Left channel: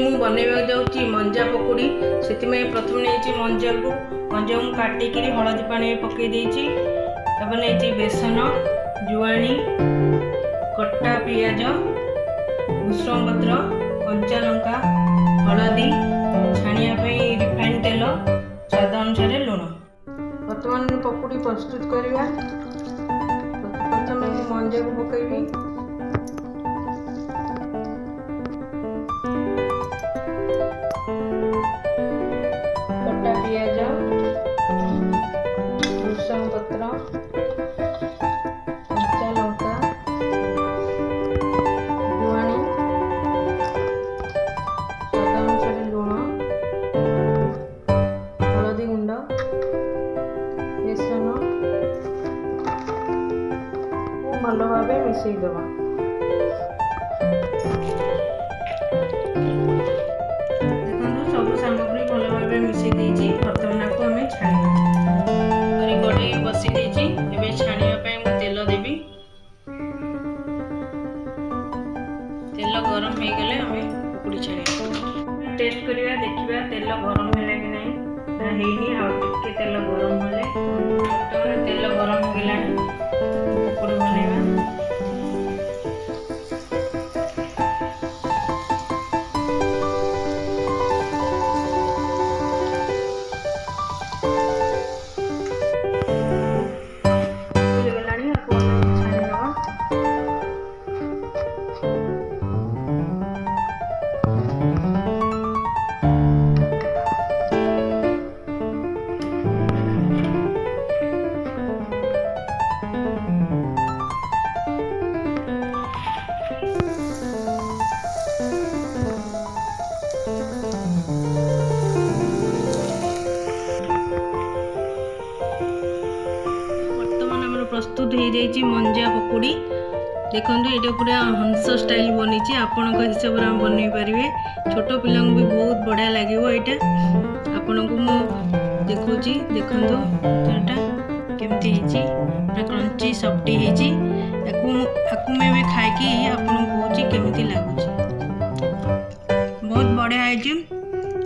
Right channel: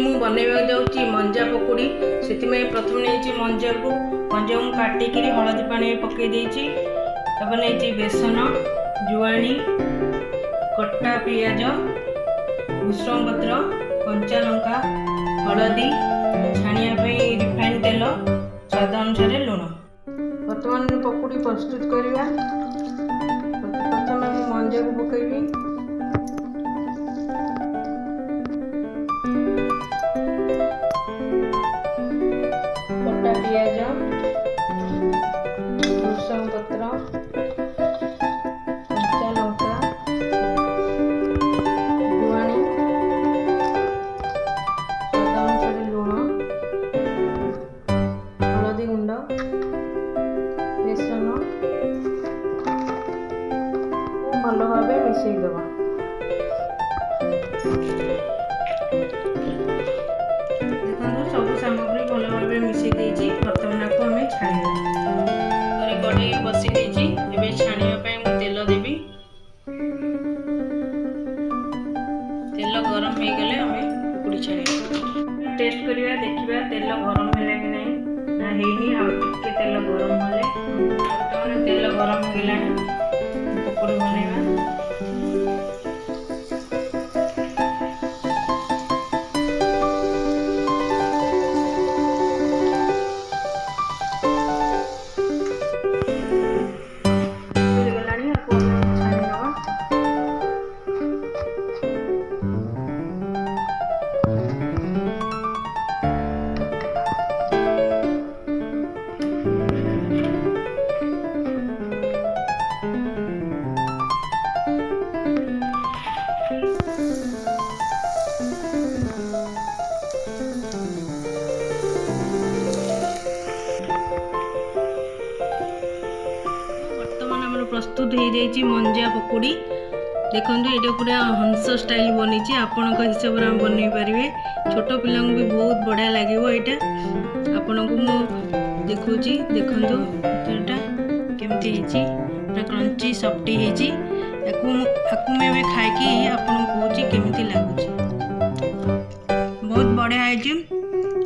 मु बनैबा जाऊँगी मंजा पकोड़ी। से प्रथम नहीं मंजा को काटिक हलदी पानी पकई देती। नहीं बेसन, जुआणी, कटा पियाज, भूसंग पत्र, कंचा लंका, हलदी, छाणिया रिफाइंड तेल, स्वाद अनुसार लुण। बर्तमान पकोड़ी प्रस्तुत करवा। प्रथम मंजा को पकईबी। कटा पियाज, भूसंग पत्र, कंचा लंका, जुआणी, स्वाद अनुसार लुण, हलदी गुंड, बेसन भल भाव मिसईदबा। देखो सब सामग्री भल भाव मिसई देछि। बर्तमान को आम छाणीबा। कढ़ई बसी देछि। एबे छाणीबा मु तेल देबी। तेल गरम हो गले आम पकोड़ी छाणीबा। टेस्ट करवा देखिबा तेल गरम है कि नहीं ना हेनी। आ टिके तेल गरम हेले बर्तमान तेल गरम हो गलानी। पकोड़ी बनैबा। प्रस्तुत हो जाइए मंजा पकोड़ी। देखो ये पूरा हंस स्टाइल बनी। आपण हिसाब से बनई पारे। छोट पिला भी बहुत बढ़िया लगे। यहाँ आपण को मु देखुची। देखो यहाँ केमती पूरा क्रंची सफ्टी होती। मैं खाई आपन कहूँ केमती लगुच। बहुत बढ़िया है।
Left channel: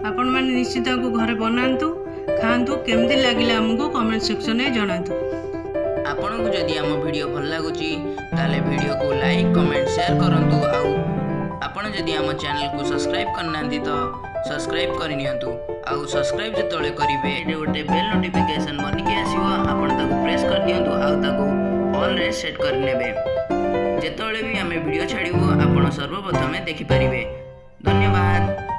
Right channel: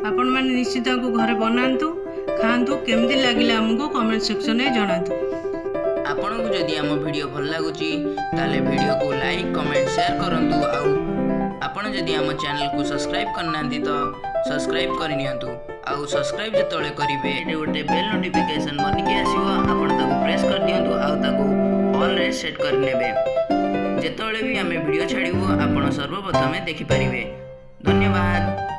आपण मैंने निश्चित घर बनातु खातु। केमती लगे आमको कमेंट सेक्शन में जनातु। आपन को जदि आम वीडियो भल लगुची ताले वीडियो को लाइक कमेंट शेयर करंतु। आउ आपन जदि आम चैनल को सब्सक्राइब करना तो सब्सक्राइब करनियंतु। आउ सब्सक्राइब जतले करिवे एटे गोटे बेल नोटिफिकेशन बनिके आसीबो। आपन ताको प्रेस कर दियंतु। आउ ताको ऑल रे सेट कर नेबे। जेतले भी आम वीडियो छाड़िबो आपन सर्वप्रथमे देखि परिबे। धन्यवाद।